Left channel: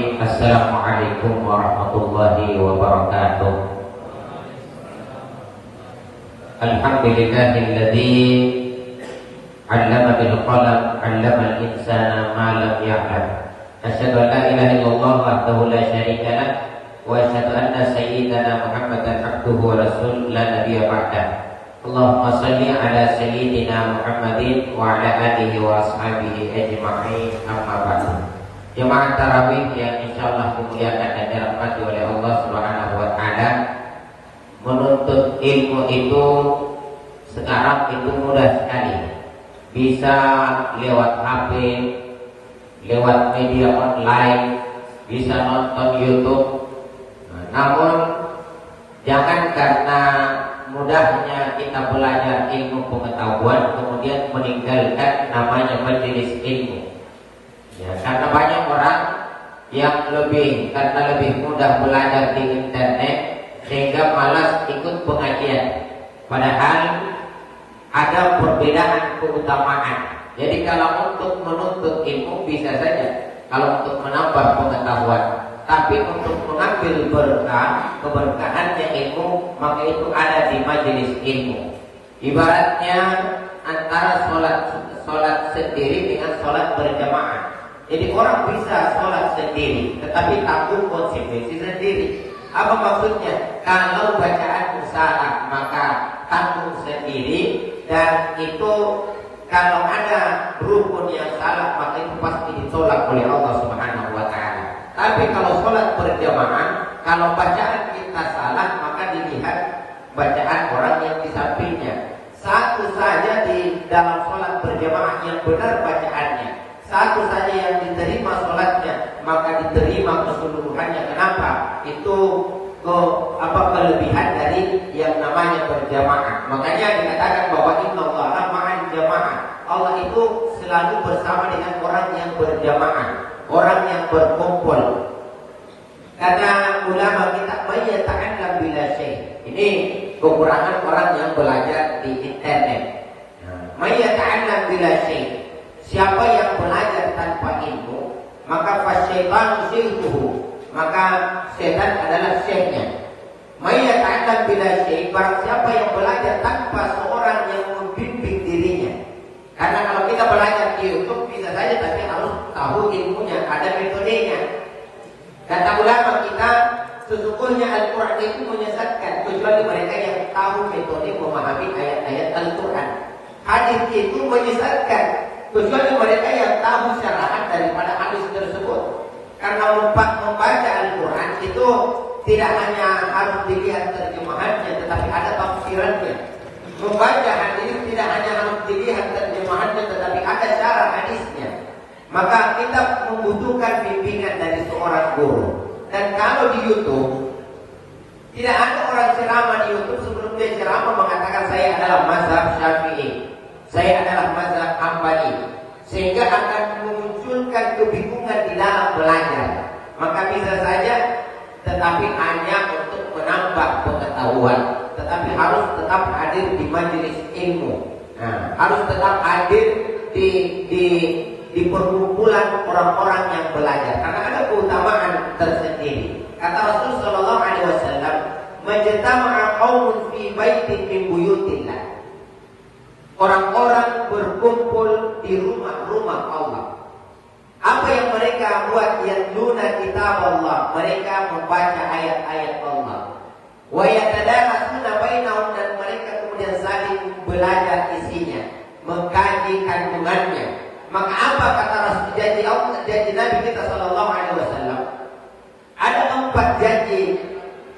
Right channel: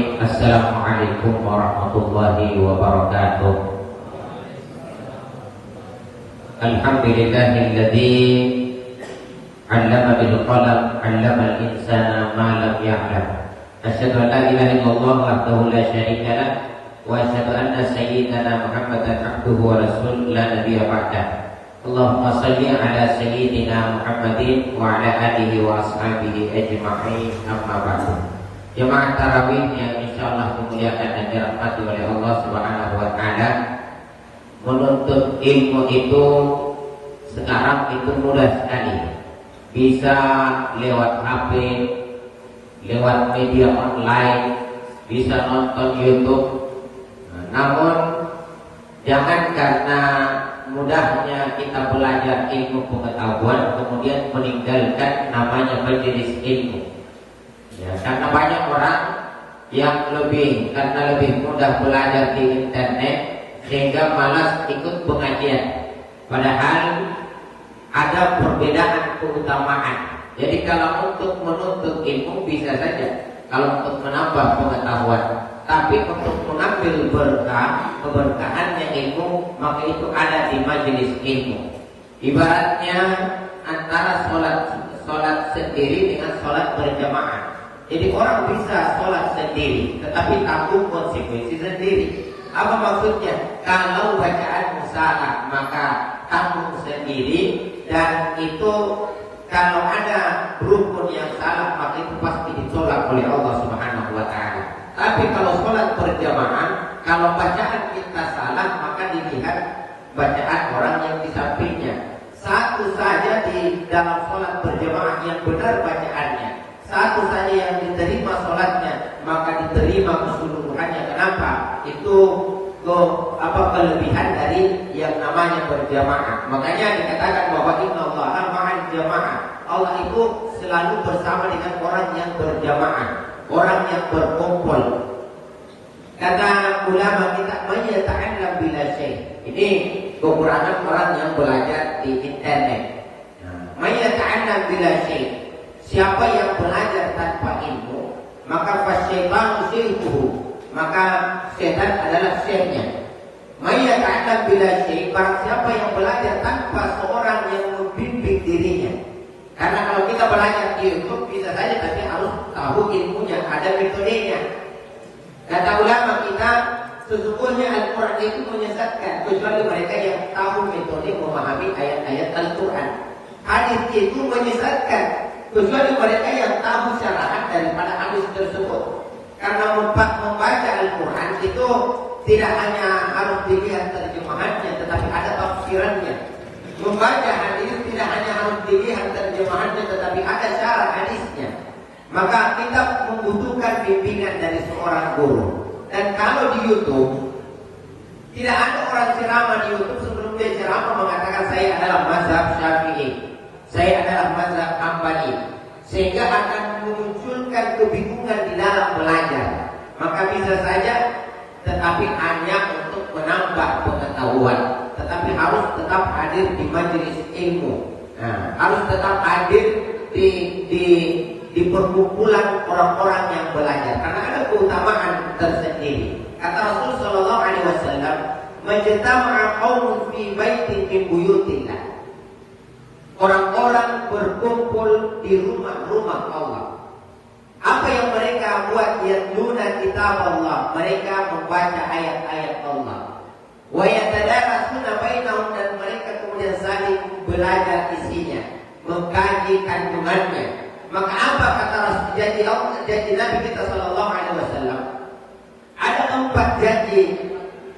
Bismillahirrahmanirrahim. Assalamualaikum warahmatullahi wabarakatuh. Alhamdulillahilladzi 'allama bil qalam 'allama al-insana ma lam ya'lam. Asyhadu an la ilaha illallah wahdahu la syarika lah wa asyhadu anna sayyidana Muhammadan abduhu wa rasuluhu la nabiyya ba'dah. Allahumma shalli ala sayyidina Muhammadin wa ala alihi wa ashabihi ajma'in. Amma ba'du. Jemaah tarawih yang insyaallah dimuliakan dan dirahmati oleh Allah Subhanahu wa taala. Menuntut ilmu itu sekarang itu mudah sekali. Bisa lewat HP, lewat media online, bisa nonton YouTube. Namun jangan karena mudahnya kita belajar ilmu pengetahuan kemudian meninggalkan namanya majelis ilmu. Ya, karena banyak orang yang karena lebih mudah belajar di internet sehingga malas ikut pengajian. Padahal ada perbedaan keutamaan. Jadi kalau untuk menuntut ilmu bisa saja, kalau untuk menambah pengetahuan. Tapi untuk mengambil berkah, keberkahannya ilmu, maka itu ada di majelis ilmu. Ibaratnya antara sholat sendiri dengan sholat berjamaah. Jadi orang bisa sholat sendiri, tetapi tanggung konsekuensi sendiri. Apa maksudnya? Kalau bacaan salah, maka tanggung sendiri. Dan itu kalau ada rukun yang salah, maka itu pasti ditolak oleh Allah Subhanahu wa taala. Tapi kalau sholat berjamaah, kalau bacaan kita salah, maka dilihat bacaan orang yang di sampingnya. Satu saja di dalam sholat berjamaah yang benar bacaannya, satu saja yang diterima sholatnya, maka diterima keseluruhannya. Kenapa? Itu kelebihan dari yang namanya berjamaah. Makanya dikatakan bahwa Inna Allaha ma'al jamaah. Allah itu selalu bersama dengan orang yang berjamaah, orang yang berkumpul. Karena ulama kita menyatakan bila syekh. Ini kekurangan orang yang belajar di internet. Menyatakan bila syekh. Siapa yang belajar tanpa ilmu, maka fasyaitan syirkuhu, maka setan adalah syekhnya. Menyatakan bila syekh, barang siapa yang belajar tanpa seorang yang membimbing dirinya. Karena kalau kita belajar di YouTube bisa saja, tapi harus tahu ilmunya, ada metodenya. Kata ulama kita, sesungguhnya Al-Quran itu menyesatkan kecuali mereka yang tahu metode memahami ayat-ayat Al-Quran. Hadis itu menyesatkan kecuali mereka yang tahu syarahan daripada hadis tersebut. Karena membaca Al-Quran itu tidak hanya harus dilihat terjemahannya, tetapi ada tafsirannya. Membaca hadis tidak hanya harus dilihat terjemahannya, tetapi ada syarah hadisnya. Maka kita membutuhkan bimbingan dari seorang guru. Dan kalau di YouTube tidak ada orang ceramah di YouTube sebelum dia ceramah mengatakan saya adalah mazhab Syafi'i, saya adalah mazhab Hambali, sehingga akan memunculkan kebingungan di dalam belajar. Maka bisa saja, tetapi hanya untuk menambah pengetahuan, tetapi harus tetap hadir di majelis ilmu. Harus tetap hadir di perkumpulan orang-orang yang belajar, karena ada keutamaan tersendiri. Kata Rasul Sallallahu Alaihi Wasallam, "Majtama'a qaumun fi baitin min buyutillah." Orang-orang berkumpul di rumah-rumah Allah. Apa yang mereka buat? Yatluna kitab Allah, mereka membaca ayat-ayat Allah. Wa yatadarasuna bainahum, dan mereka kemudian saling belajar isinya, mengkaji kandungannya. Maka apa kata Rasul, janji Nabi kita Sallallahu Alaihi Wasallam? Ada 4 janji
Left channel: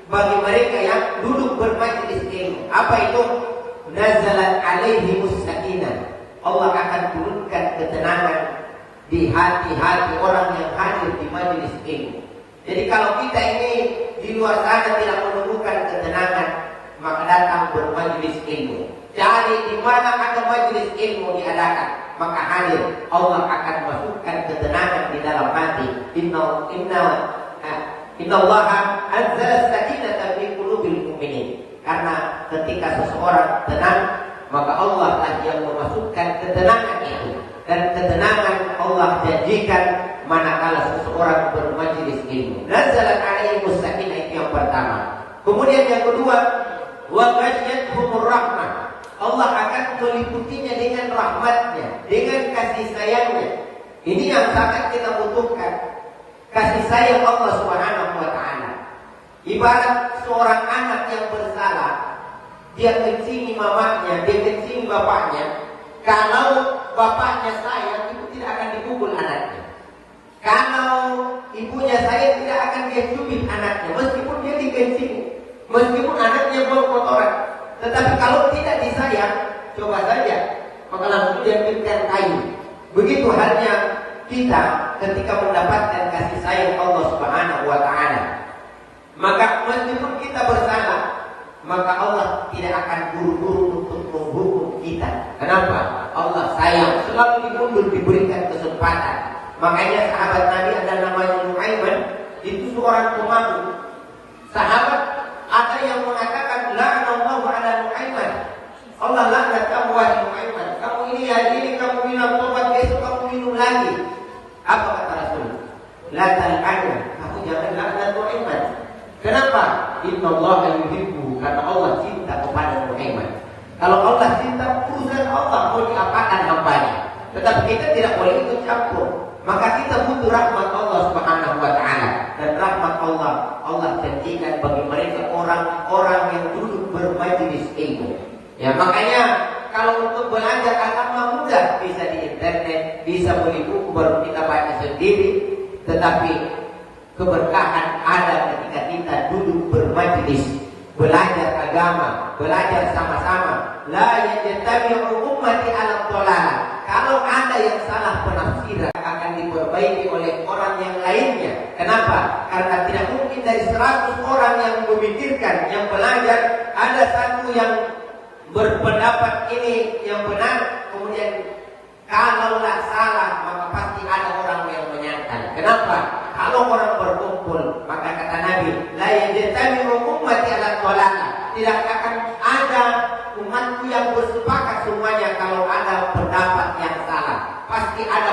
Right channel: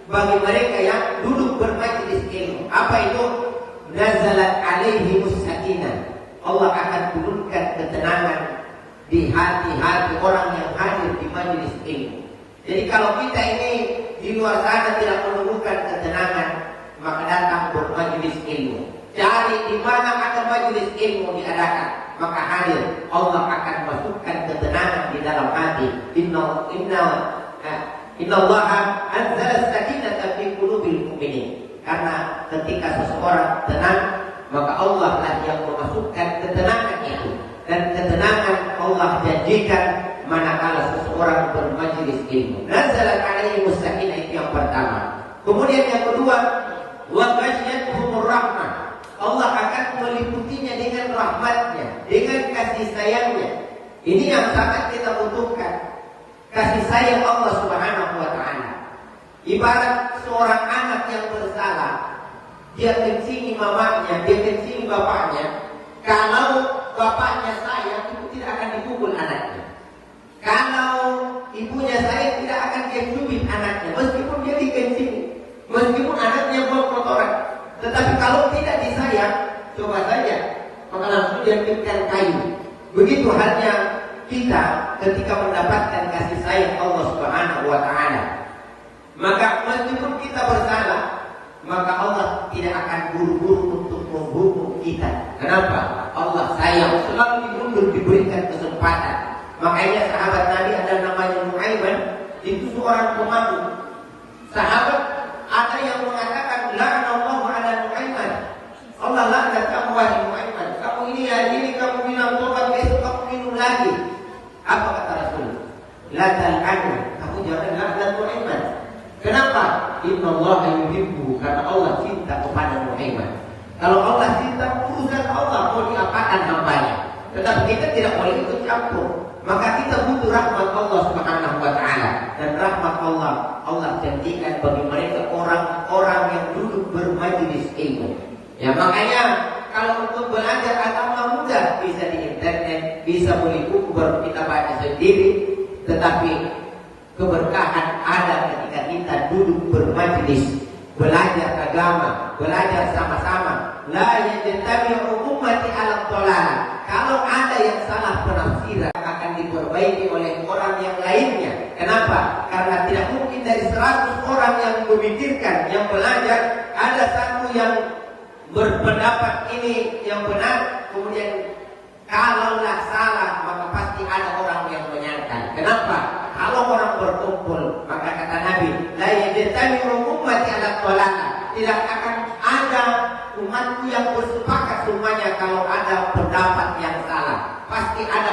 bagi mereka yang duduk bermajlis ilmu. Apa itu? Nazalat alaihimus sakinah. Allah akan turunkan ketenangan di hati-hati orang yang hadir di majelis ilmu. Jadi kalau kita ini di luar sana tidak menemukan ketenangan, maka datang bermajlis ilmu. Cari di mana akan majelis ilmu diadakan, maka hadir. Allah akan masukkan ketenangan di dalam hati. Inna Allaha anzala sakinata fi qulubil mu'minin. Karena ketika seseorang tenang, maka Allah lah yang memasukkan ketenangan itu. Dan ketenangan Allah janjikan manakala seseorang bermajlis majelis ilmu. Nazalat alaihi sakinah, itu yang pertama. Kemudian yang kedua, wa ghashiyatuhumur rahmah. Allah akan meliputinya dengan rahmatnya, dengan kasih sayangnya. Ini yang sangat kita butuhkan, kasih sayang Allah Subhanahu wa ta'ala. Ibarat seorang anak yang bersalah, dia kencing mamanya, dia kencing bapaknya. Kalau bapaknya sayang, itu tidak akan dipukul anaknya. Kalau ibunya sayang, tidak akan dia cubit anaknya, meskipun dia dikencing, meskipun anaknya berkotoran. Tetapi kalau tidak disayang, coba saja mengalami dia kencang kayu. Begitu halnya kita ketika mendapatkan kasih sayang Allah Subhanahu wa ta'ala. Maka meskipun kita bersalah, maka Allah tidak akan buru-buru untuk menghukum kita. Kenapa? Allah sayang, selalu diundur, diberikan kesempatan. Makanya sahabat Nabi ada namanya Nuaiman, itu seorang pemalu. Sahabat ada yang mengatakan, la'anallahu ala Nuaiman. Allah laknat kamu wahai Nuaiman. Kamu ini hari ini kamu bilang tobat, besok kamu minum lagi. Apa kata Rasul? La tal'anhu, kamu jangan laknat Nuaiman. Kenapa? Inna Allah yuhibbu, karena Allah cinta kepada Muhammad. Kalau Allah cinta, urusan Allah mau diapakan hambanya. Tetapi kita tidak boleh ikut campur. Maka kita butuh rahmat Allah Subhanahu wa ta'ala. Dan rahmat Allah janjikan bagi mereka orang-orang yang duduk bermajelis ilmu. Ya, makanya kalau untuk belajar agama mudah, bisa di internet, bisa beli buku baru kita baca sendiri. Tetapi keberkahan ada ketika kita duduk bermajelis, belajar agama, belajar sama-sama. La yajtabi'u ummati 'ala dhalalah. Kalau ada yang salah penafsiran akan diperbaiki oleh orang yang lainnya. Kenapa? Karena tidak mungkin dari 100 orang yang memikirkan, yang belajar, ada satu yang berpendapat ini yang benar, kemudian kalaulah salah, maka pasti ada orang yang menyangkal. Kenapa? Kalau orang berkumpul, maka kata Nabi, la yajtabi'u ummati 'ala dhalalah. Tidak akan ada umatku yang bersepakat semuanya kalau ada pendapat yang salah. Pasti ada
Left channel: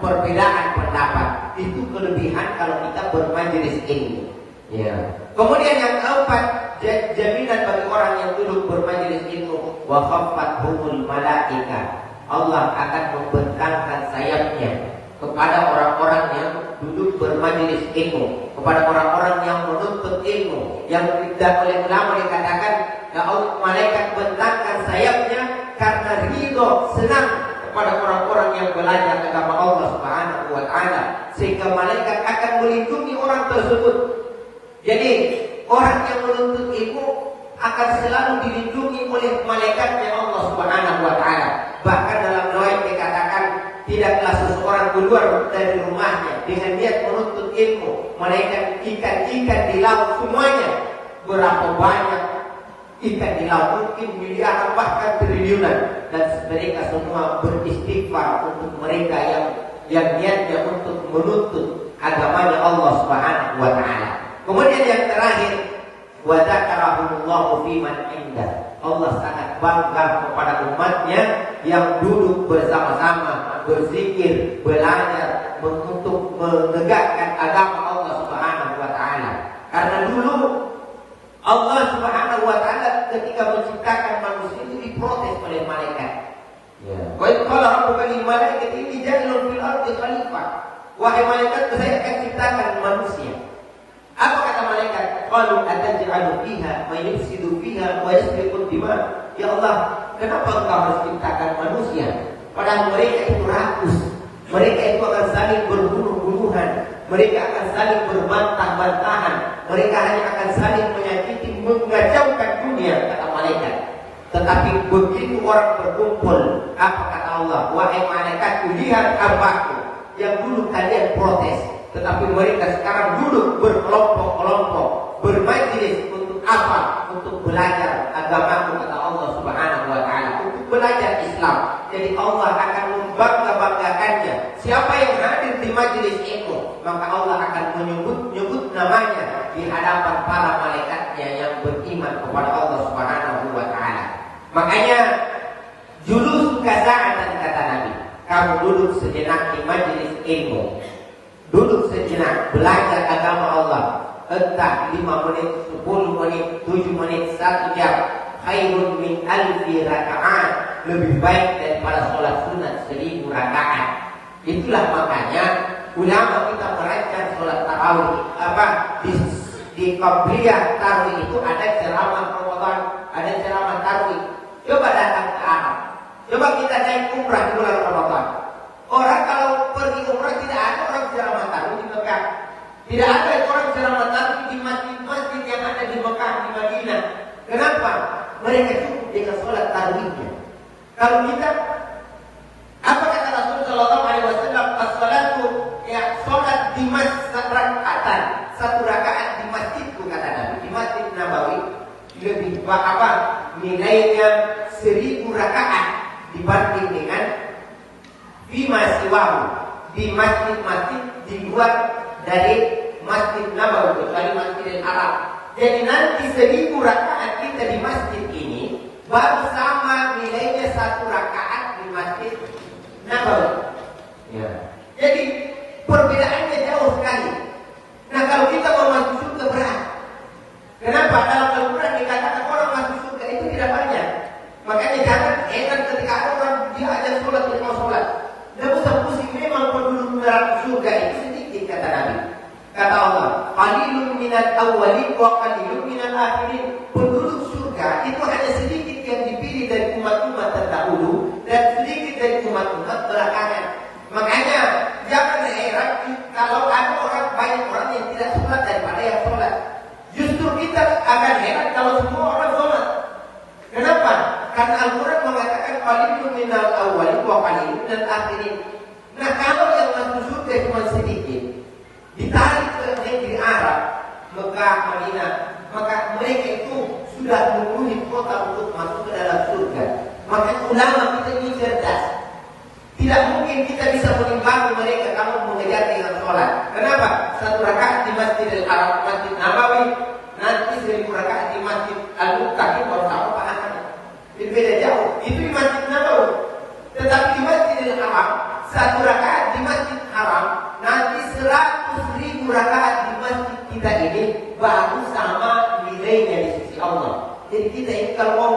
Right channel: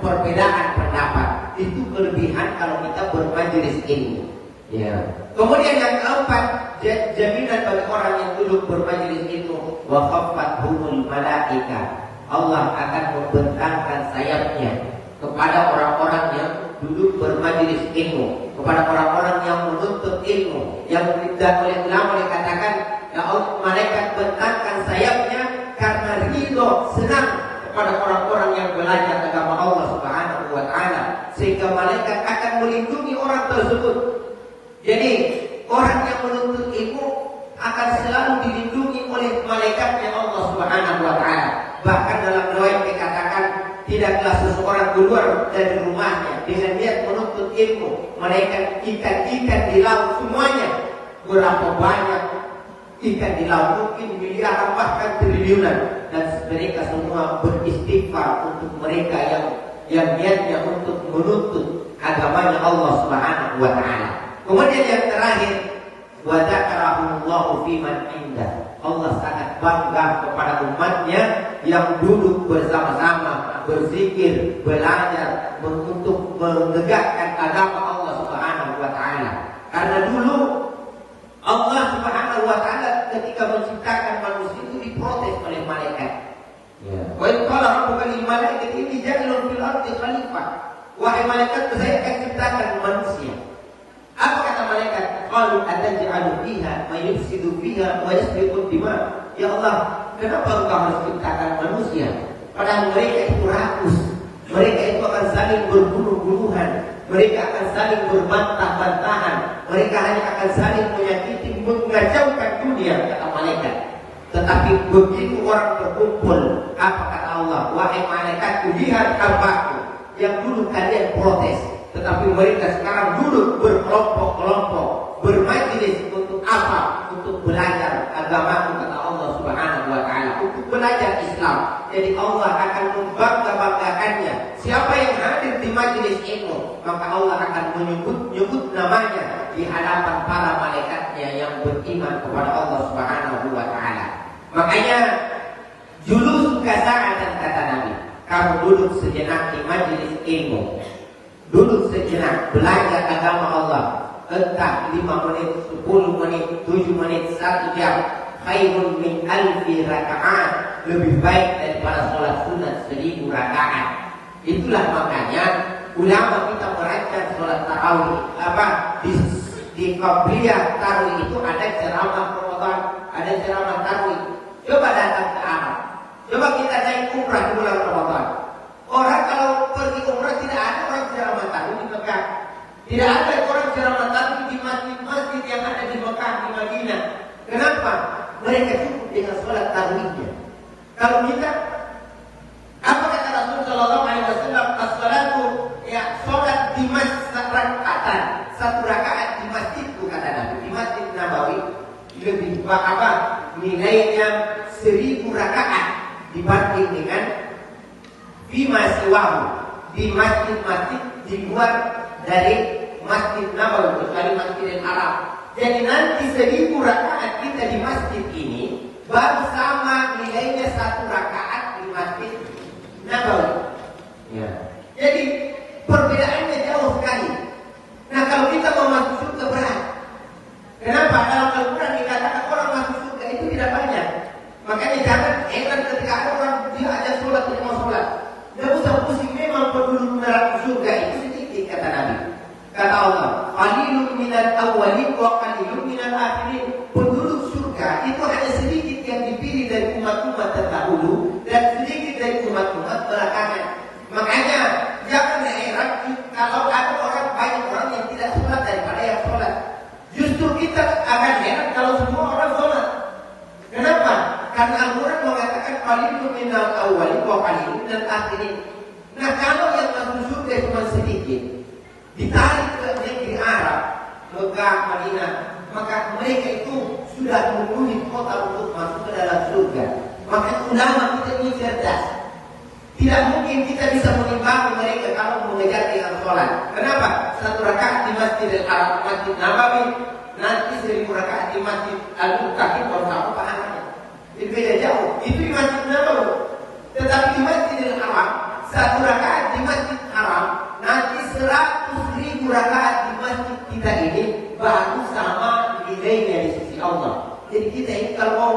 perbedaan pendapat. Itu kelebihan kalau kita bermajelis ini. Ya. Kemudian yang keempat, jaminan bagi orang yang duduk bermajelis itu, wa khaffatuhumul malaikah. Allah akan membentangkan sayapnya kepada orang-orang yang duduk bermajelis ilmu, kepada orang-orang yang menuntut ilmu, yang tidak boleh lama dikatakan malaikat bentangkan sayapnya karena ridho, senang kepada orang-orang yang belajar agama Allah Subhanahu wa ta'ala, sehingga malaikat akan melindungi orang tersebut. Jadi orang yang menuntut ilmu akan selalu dilindungi oleh malaikatnya Allah Subhanahu wa ta'ala. Bahkan dalam doa yang dikatakan, tidaklah seseorang keluar dari rumahnya dengan niat menuntut ilmu, mereka ikan-ikan di laut semuanya. Berapa banyak ikan di laut, mungkin miliaran bahkan triliunan, dan mereka semua beristighfar untuk mereka yang niatnya untuk menuntut agama Allah Subhanahu wa ta'ala. Kemudian yang terakhir, wa dzakarahumullahu fiman indah. Allah sangat bangga kepada umatnya yang duduk bersama-sama, berzikir, belajar untuk menegakkan agama Allah Subhanahu wa ta'ala. Karena dulu Allah Subhanahu wa ta'ala ketika menciptakan manusia itu diprotes oleh malaikat. Wa qala rabbuka lil malaikati inni ja'ilun fil ardi khalifah. Wahai malaikat, saya akan ciptakan manusia. Apa kata malaikat? Qalu ataj'alu fiha wa yufsidu fiha wa yasfiku dima. Ya Allah, kenapa Engkau harus ciptakan manusia? Padahal mereka itu rakus, mereka itu akan saling berbunuh-bunuhan, mereka akan saling berbantah-bantahan, mereka hanya akan saling menyakiti, mengacaukan dunia, kata malaikat. Tetapi begitu orang berkumpul, apa kata Allah? Wahai malaikatku, lihat arwahku. Yang dulu kalian protes, tetapi mereka sekarang duduk berkelompok-kelompok, bermajlis untuk apa? Untuk belajar agama kata Allah Subhanahu wa ta'ala, untuk belajar Islam. Jadi Allah akan membangga-banggakannya. Siapa yang hadir di majlis itu, maka Allah akan menyebut namanya di hadapan para malaikatnya yang beriman kepada Allah Subhanahu wa ta'ala. Makanya dulu keadaan kata Nabi, kamu duduk sejenak di majlis ilmu. duduk sejenak, belajar agama Allah. Entah 5 menit, 10 menit, 7 menit, 1 jam. Khairun min alfi raka'ah, lebih baik daripada sholat sunat 1000 rakaat. Itulah makanya ulama kita merayakan sholat tarawih. Di Qabliyah tarawih itu ada ceramah Ramadan, ada ceramah tarawih. Coba datang ke Arab. Coba kita naik umrah di bulan Ramadan. Orang kalau pergi umrah tidak ada orang ceramah tarawih di Mekah. Tidak ada orang ceramah tarawih di masjid yang ada di Mekah, di Madinah. Kenapa? Mereka cukup dengan sholat tarawihnya. Kalau kita, apa kata Rasul Sallallahu Alaihi Wasallam? As-salatu, ya sholat di masjid satu rakaat di masjid itu kata Nabi, di Masjid Nabawi lebih apa? Nilainya 1000 rakaat dibanding dengan bima siwahu di masjid-masjid di luar dari Masjid Nabawi, dari Masjidil Haram. Jadi nanti 1000 rakaat kita di masjid ini baru sama nilainya 1 rakaat di Masjid Nabawi. Ya. Jadi perbedaannya jauh sekali. Nah kalau kita mau masuk surga berat. Kenapa? Kalau berat dikatakan orang masuk surga itu tidak banyak. Makanya jangan heran ketika orang dia ada sholat dia mau sholat. Dia usah pusing, memang penduduk neraka surga itu sedikit kata Nabi. Kata Allah, qalilun minal awwalin wa qalilun minal akhirin. Penduduk surga itu hanya sedikit yang dipilih dari umat-umat terdahulu dan sedikit dari umat-umat belakangan. Makanya jangan heran kalau ada orang baik orang yang tidak sholat daripada yang sholat. Justru kita akan heran kalau semua orang sholat. Kenapa? Karena Al-Quran mengatakan qalilun minal awwalin wa qalilun minal akhirin. Nah kalau yang masuk surga cuma sedikit, ditarik ke negeri Arab, Mekah, Madinah, maka mereka itu sudah memenuhi kota untuk masuk ke dalam surga. Maka ulama kita ini cerdas. Tidak mungkin kita bisa menimbang mereka kalau mengejar dengan sholat. Kenapa? 1 rakaat di Masjidil Haram, Masjid Nabawi, nanti 1000 rakaat di Masjid Al-Muqtar itu baru apa? Beda jauh. Itu di Masjid Nabawi. Tetapi di Masjidil Haram, 1 rakaat di Masjid Haram, nanti 100.000 rakaat di masjid kita ini baru sama nilainya dari sisi Allah. Jadi kita ini kalau mau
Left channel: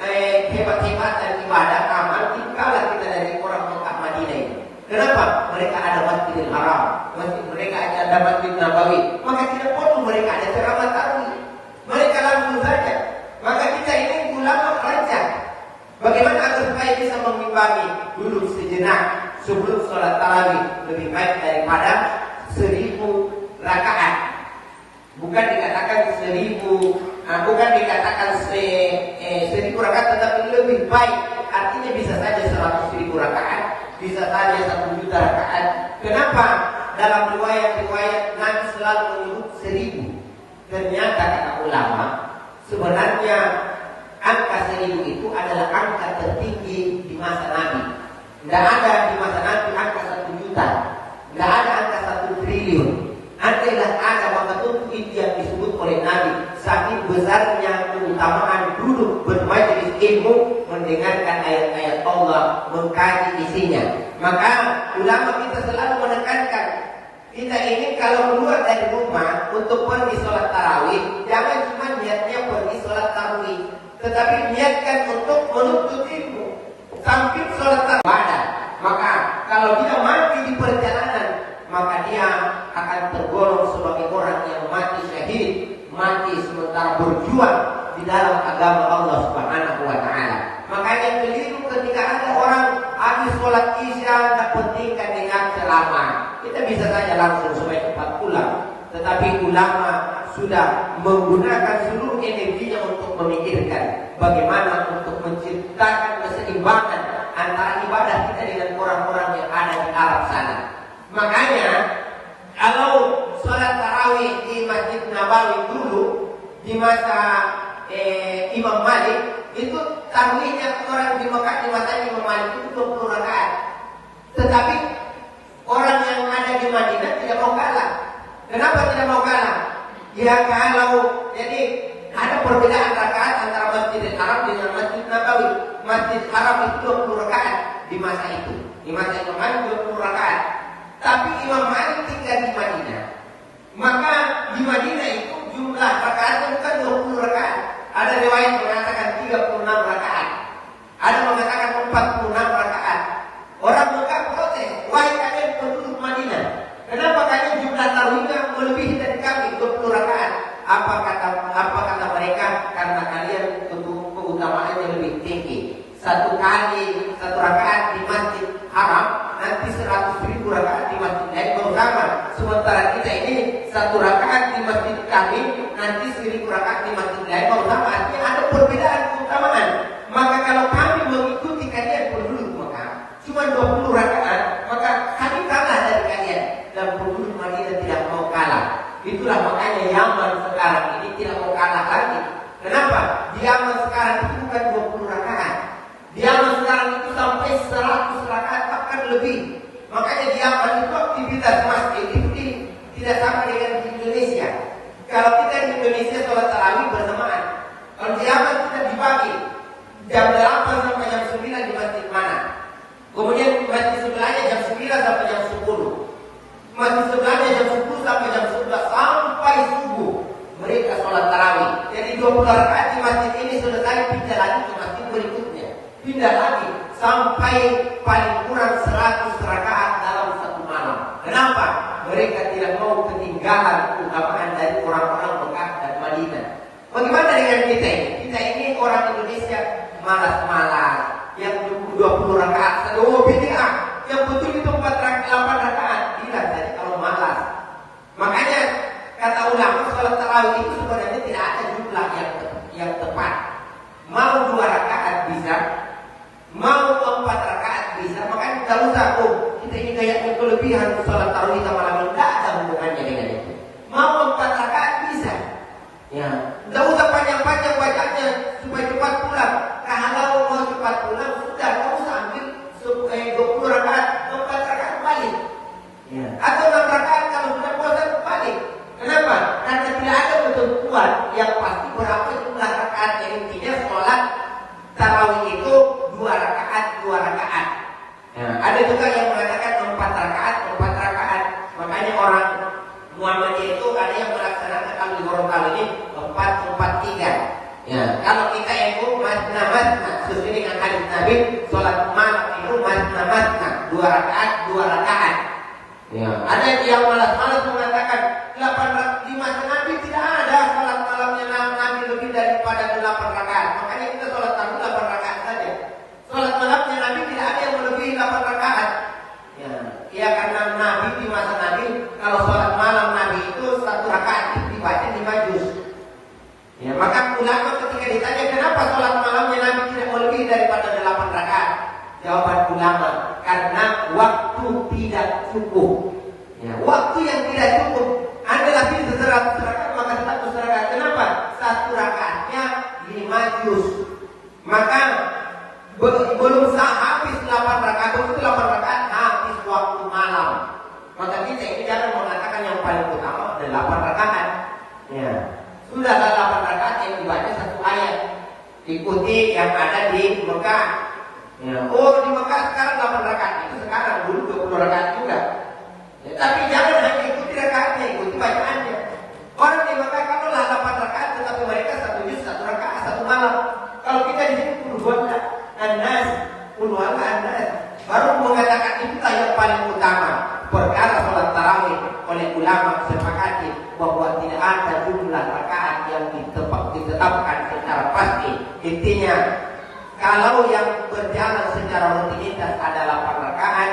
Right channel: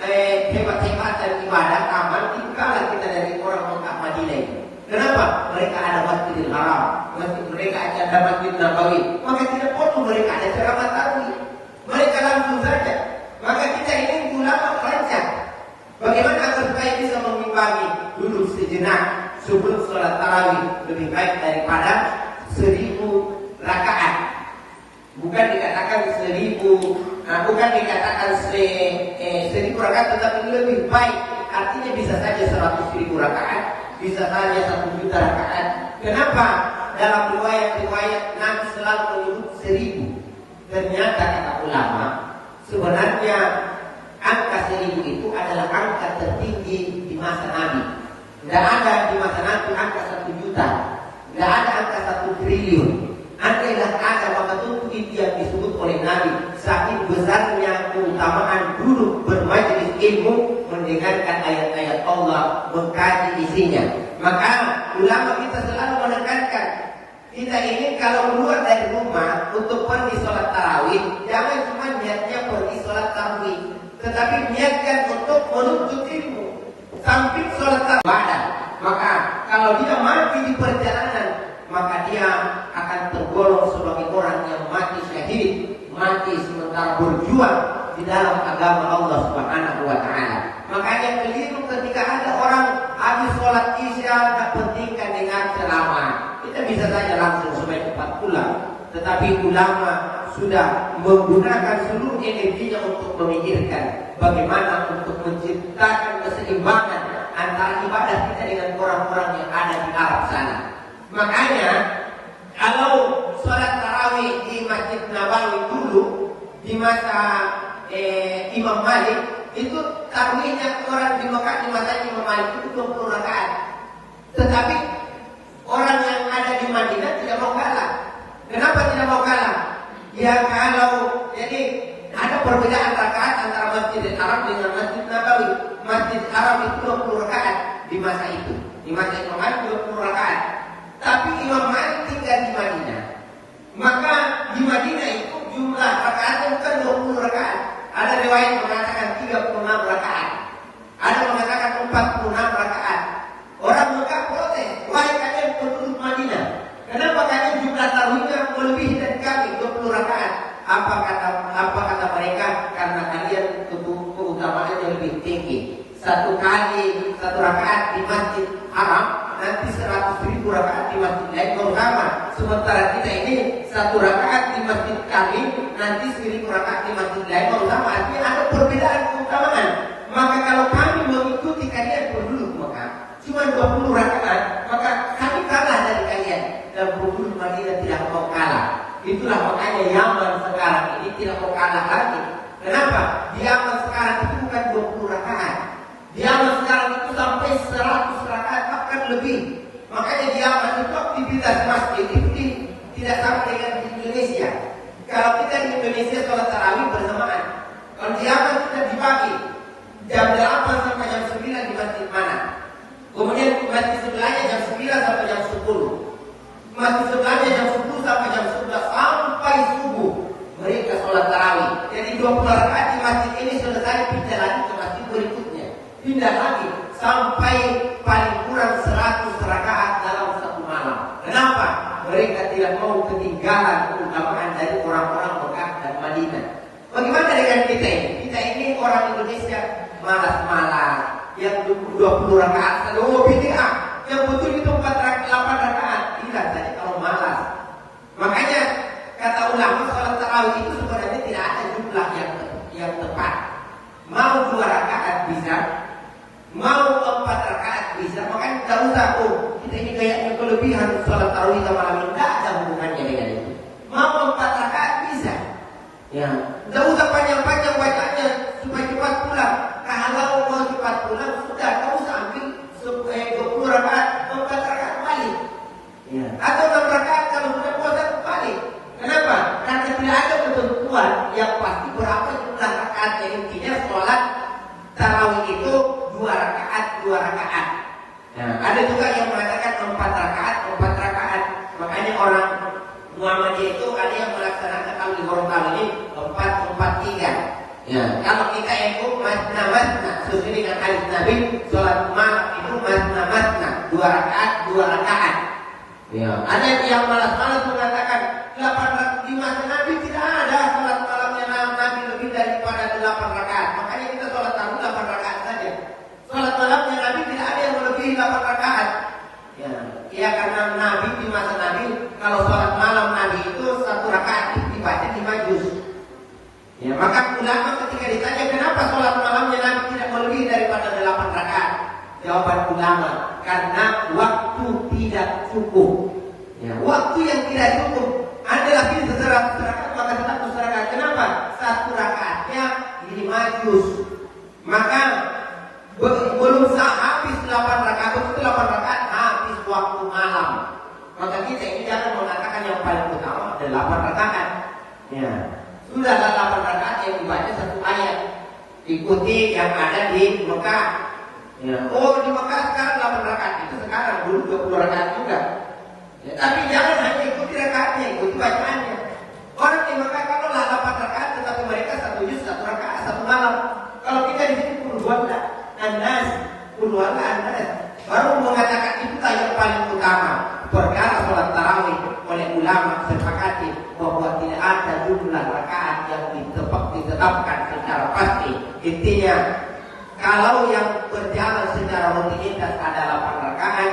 hebat-hebat dan ibadah amal, tinggallah kita dari orang Mekah Madinah itu. Kenapa? Mereka ada Masjidil Haram, mereka ada Masjid Nabawi. Maka tidak perlu mereka ada ceramah tarawih. Mereka langsung saja. Maka kita ini ulama kerja. Bagaimana agar supaya bisa mengimbangi duduk sejenak sebelum sholat tarawih lebih baik daripada 1000 rakaat. Bukan dikatakan 1000 rakaat, tetapi lebih baik. Artinya bisa saja 100.000 rakaat, bisa saja 1 juta rakaat. Kenapa? Dalam riwayat Nabi selalu menyebut 1000. Ternyata kata ulama, sebenarnya angka 1000 itu adalah angka tertinggi di masa Nabi. Tidak ada di masa Nabi angka 1 juta, tidak ada angka 1 triliun. Nanti ada waktu itu yang disebut oleh Nabi, saking besarnya keutamaan duduk bermajelis ilmu, mendengarkan ayat-ayat Allah, mengkaji isinya. Maka ulama kita selalu menekankan, kita ingin kalau keluar dari rumah untuk pergi sholat tarawih, jangan cuma niatnya pergi sholat tarawih, tetapi niatkan untuk menuntut ilmu. Samping sholat tarawih, maka kalau dia mati di perjalanan, maka dia akan tergolong sebagai orang yang mati syahid, mati sementara berjuang di dalam agama Allah Subhanahu wa Ta'ala. Makanya keliru ketika ada orang habis sholat isya kepentingkan dengan ceramah, kita bisa saja langsung selesai cepat pulang. Tetapi ulama sudah menggunakan seluruh energinya untuk memikirkan bagaimana untuk menciptakan keseimbangan antara ibadah kita dengan orang-orang yang ada di Arab sana. Makanya kalau sholat tarawih di Masjid Nabawi dulu di masa Imam Malik, itu tarawihnya orang di Mekah di masa Imam Malik itu 20 rakaat. Tetapi orang yang ada di Madinah tidak mau kalah. Kenapa tidak mau kalah? Ya kalau jadi ada perbedaan rakaat antara Masjidil Haram dengan Masjid Nabawi. Masjid Haram itu 20 rakaat di masa itu. Di masa Imam Malik 20 rakaat. Tapi Imam Malik tinggal di Madinah. Maka di Madinah itu jumlah rakaatnya bukan 20 rakaat. Ada riwayat mengatakan 36 rakaat. Ada mengatakan 46 rakaat. Orang Mekah protes, wahai kalian penduduk Madinah, kenapa kalian jumlah tarawihnya melebihi dari kami 20 rakaat? Apa kata mereka? Karena kalian keutamaannya lebih tinggi. Satu rakaat di Masjid Haram nanti 100.000 rakaat di Masjid lain bersama. Sementara kita ini satu rakaat di Masjid kami nanti 1.000 rakaat di Masjid lain bersama. Artinya ada perbedaan keutamaan. Maka kalau kami mengikuti kalian penduduk Mekah cuma 20 rakaat, maka kami kalah dari kalian. Dan penduduk Madinah tidak mau kalah. Itulah makanya Yaman sekarang ini tidak mau kalah lagi. Kenapa? Di Yaman sekarang itu bukan 20 rakaat. Di Yaman sekarang itu sampai 100 rakaat bahkan lebih. Makanya di Yaman itu aktivitas masjid itu tidak sama dengan di Indonesia. Kalau kita di Indonesia sholat tarawih bersamaan. Kalau di Yaman kita dibagi jam 8 sampai jam 9 di masjid mana. Kemudian masjid sebelahnya jam 9 sampai jam 10. Masjid sebelahnya jam 10 sampai jam 11 sampai subuh. Mereka sholat tarawih. Jadi 20 rakaat di masjid ini selesai, pindah lagi ke masjid berikutnya. Pindah lagi sampai paling kurang 100 rakaat dalam satu malam. Kenapa? Mereka tidak mau ketinggalan keutamaan dari orang-orang Mekah dan Madinah. Bagaimana dengan kita ini? Kita ini orang Indonesia malas-malas. Yang 20 rakaat, bid'ah. Yang betul itu 4 rakaat, 8 rakaat. Tidak, kalau malas. Makanya kata ulama sholat tarawih itu sebenarnya tidak ada jumlah yang tepat. Mau 2 rakaat bisa, mau 4 rakaat bisa. Makanya kalau takut kita ini kayak kelebihan sholat tarawih sama malam, tidak ada hubungannya dengan itu. Mau 4 rakaat bisa. Ya, tidak usah panjang-panjang bacanya supaya cepat pulang. Kalau mau cepat pulang sudah kamu ambil supaya 20 rakaat, 4 rakaat balik. Ya. Atau 6 rakaat kalau sudah puasa balik. Kenapa? Karena tidak ada ketentuan yang pasti berapa jumlah rakaat. Yang intinya sholat tarawih itu 2 rakaat, 2 rakaat. Ya. Ada juga yang mengatakan 4 rakaat, 4 rakaat. Makanya orang Muhammadiyah itu ada yang melaksanakan al-Qur'an ini 4-4-3. Ya. Kalau kita itu masna-masna sesuai dengan hadis Nabi, sholat malam itu masna-masna 2 rakaat, 2 rakaat. Ya. Ada yang malas-malas mengatakan 8 rakaat di masa Nabi tidak ada sholat malamnya Nabi lebih daripada 8 rakaat. Makanya kita sholat tarawih 8 rakaat saja. Sholat malamnya Nabi tidak ada yang melebihi 8 rakaat. Ya karena Nabi di masa Nabi kalau sholat malam Nabi itu 1 rakaat dibaca di majus. Ya, maka ulama ketika ditanya kenapa sholat malamnya Nabi tidak melebihi daripada 8 rakaat, jawaban ulama karena waktu tidak cukup. Ya, waktu yang tidak cukup adalah 100 rakaat maka 100 rakaat. Kenapa? 1 rakaatnya 5 juz. Maka belum habis 8 rakaat itu 8 rakaat habis waktu malam. Maka kita tidak mengatakan yang paling utama adalah 8 rakaat. Ya. Sudah 8 rakaat yang dibaca 1 ayat. Ikuti yang ada di Mekah. Ya. Oh di Mekah sekarang 8 rakaat itu sekarang dulu 20 rakaat juga. Ya, tapi jangan hanya ikuti rakaatnya, ikuti bacaannya. Orang di Mekah kalau 8 rakaat tetapi mereka 1 juz 1 rakaat 1 malam. Kalau kita di sini puluhan Anas baru mengatakan itulah yang paling utama. Perkara sholat tarawih oleh ulama sepakati bahwa tidak ada jumlah rakaat yang ditetapkan secara pasti. Intinya kalau yang berjalan secara rutinitas ada 8 rakaat,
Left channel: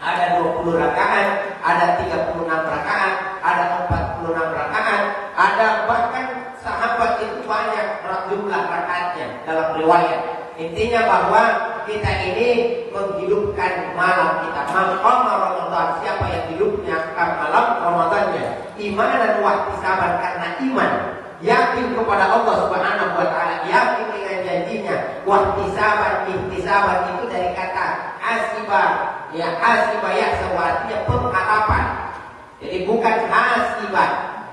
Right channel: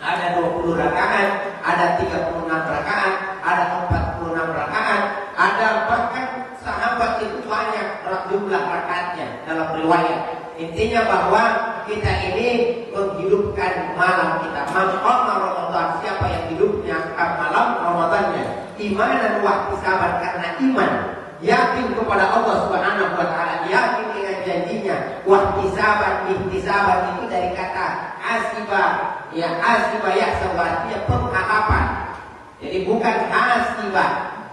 ada 20 rakaat, ada 36 rakaat, ada 46 rakaat, ada bahkan sahabat itu banyak jumlah rakaatnya dalam riwayat. Intinya bahwa kita ini menghidupkan malam kita. Mengqama Ramadan, siapa yang hidupnya malam Ramadannya iman dan waktu sabar karena iman, yakin kepada Allah Subhanahu wa taala, yakin dengan janjinya. Waktu sabar itu dari kata asibah. Ya asibah ya artinya pengharapan. Jadi bukan asibah.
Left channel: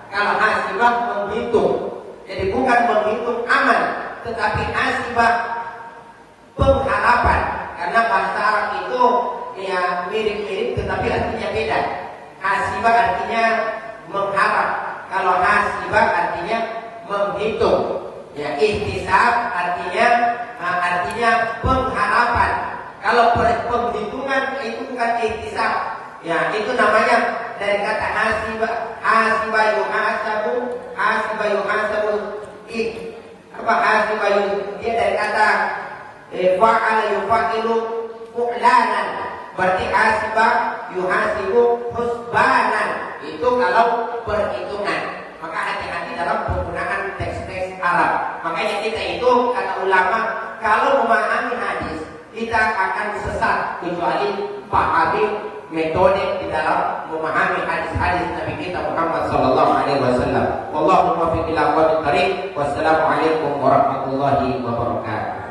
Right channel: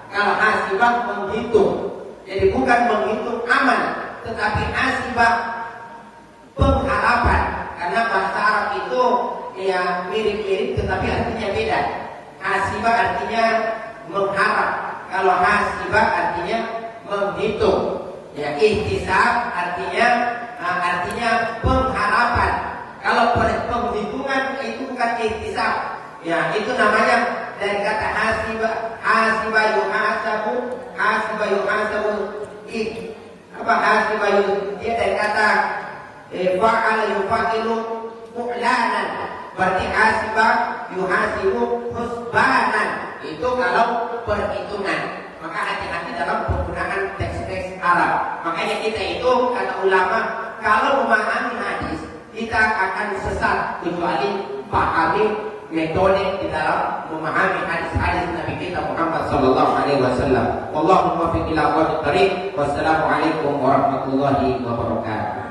Kalau asibah menghitung. Jadi bukan menghitung aman, tetapi asibah pengharapan. Karena bahasa Arab itu ya mirip-mirip tetapi artinya beda. Hasibah artinya mengharap, kalau hasibah artinya menghitung. Ya, ihtisab artinya pengharapan. Kalau penghitungan itu bukan ihtisab. Ya, itu namanya dari kata hasibah yuhasabu. Dia dari kata fa'ala yufa'ilu fu'lanan. Berarti hasibah yuhasibu husbanan. Itu kalau perhitungan. Maka hati-hati dalam penggunaan teks-teks Arab. Makanya kita itu kata ulama, kalau memahami hadis kita akan sesat kecuali pahami metode di dalam memahami hadis-hadis Nabi kita Muhammad sallallahu alaihi wasallam. Wallahu muwaffiq ila aqwamit thariq. Wassalamualaikum warahmatullahi wabarakatuh.